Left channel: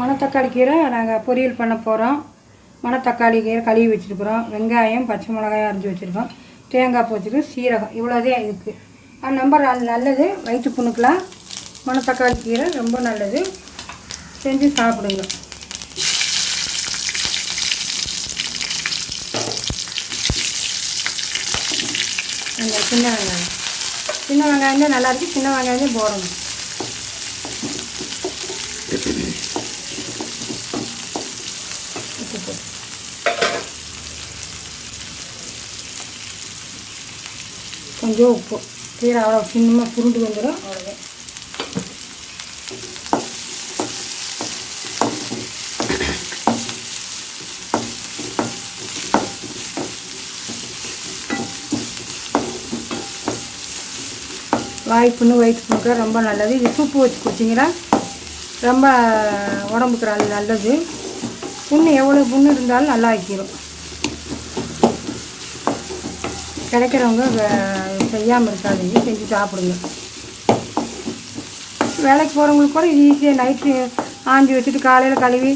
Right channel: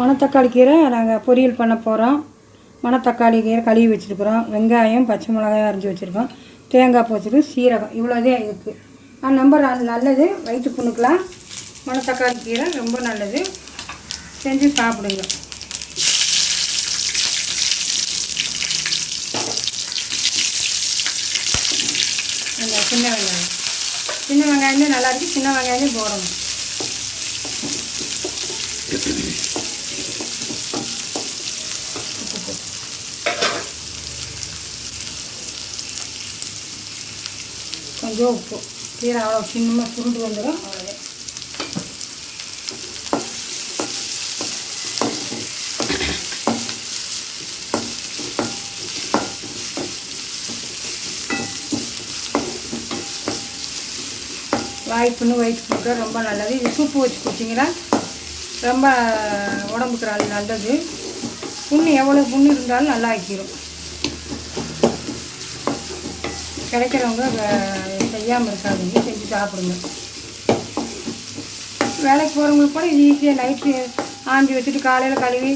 மணத்தக்காளி கீரை நாங்கள் பொரியல் பண்ண போகிறோம். மணத்தக்காளி கீரை கழுவி வச்சுருக்குறோம். வெங்காயம், பச்சை மிளகாய் அரைஞ்சி வச்சுருக்கோம். தேங்காய் பூச்சிட்டு சீரகம் இவ்வளோதே இதுக்கு. ரொம்ப நல்லது, வயிற்று புண்ணுக்கெலாம் மணத்தக்காளி கீரை ரொம்ப நல்லது. செஞ்சு சாப்பிடுங்க. இந்த சின்ன வெங்காயமே நல்லாயிருக்கு. சின்ன வெங்காயமே போடணும். கொஞ்சம் உப்பு. கீரை அவ்வளோ சின்னமாக புரிஞ்சு வந்துடும். அவ்வளோதான். வாய்ப்புண்ணு வயிற்று புண்ணுக்கு ரொம்ப நல்லது. இது சூப்பு வச்சு குடிச்சிங்கன்னா ரொம்ப உடம்புக்கு நல்லது. புண்ணு எவ்வளோ புண்ணு இருந்தாலும் நல்லா ஆக்கிடும். கிடைக்கிறவங்க செய்யாமல் இருக்காதீங்க, செஞ்சு சாப்பிடுங்க. வேலைக்கு போகிறவங்களுக்கு கூட இது ஈஸியாக நைட்டு ஆஞ்சி வச்சுட்டு காலையில் கழுவி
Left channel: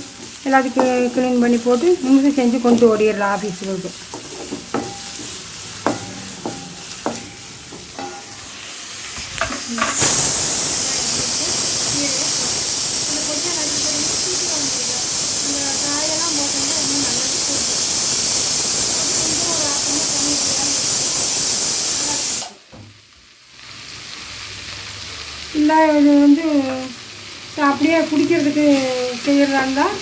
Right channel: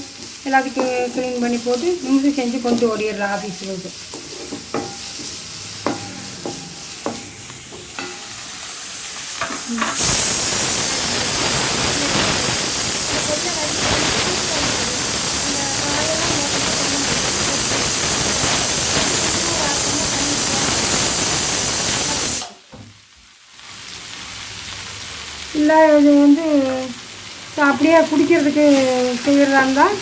எல்லாத்துக்கும் க்ளீன் பண்ணி போட்டு முன்னுக்கு செஞ்சு கொண்டு ஓடிடலாம் ஆஃபீஸுக்கு. இல்லை இது அப்படியே குடிக்கிறதுக்கு செய்கிறதா இருந்தால்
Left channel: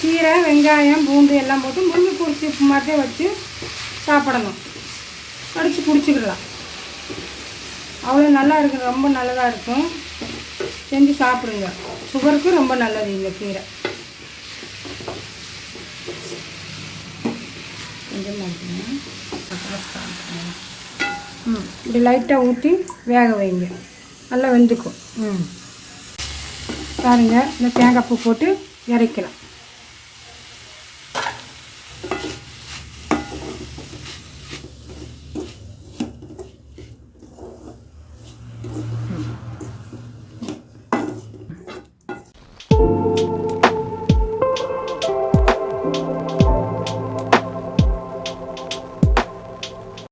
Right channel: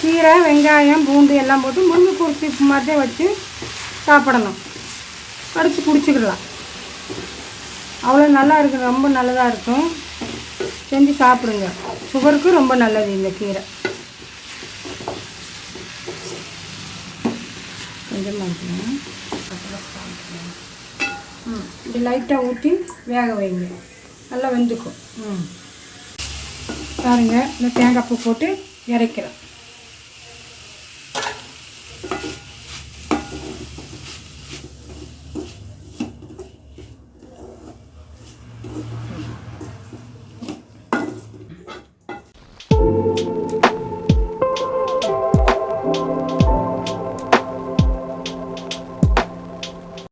கீரை, வெங்காயம், பூண்டு எல்லாம் போட்டு முருங்கை சூப்பு மாதிரி வச்சு சாப்பிடணும். கடிச்சு குடிச்சிக்கிடலாம். அவ்வளோ நல்லா இருக்கும். ரொம்ப நல்லதாக இருக்கும். செஞ்சு சாப்பிடுங்க. சுகருக்கு ரொம்ப நல்லது இந்த கீரை. கொஞ்சமாக இப்படி லைட்டாக ஊற்றி வேக வைங்க. நல்லா வெந்துக்கும். பாருங்க, இந்த தேங்காய் பூ போட்டு இறக்கலாம்.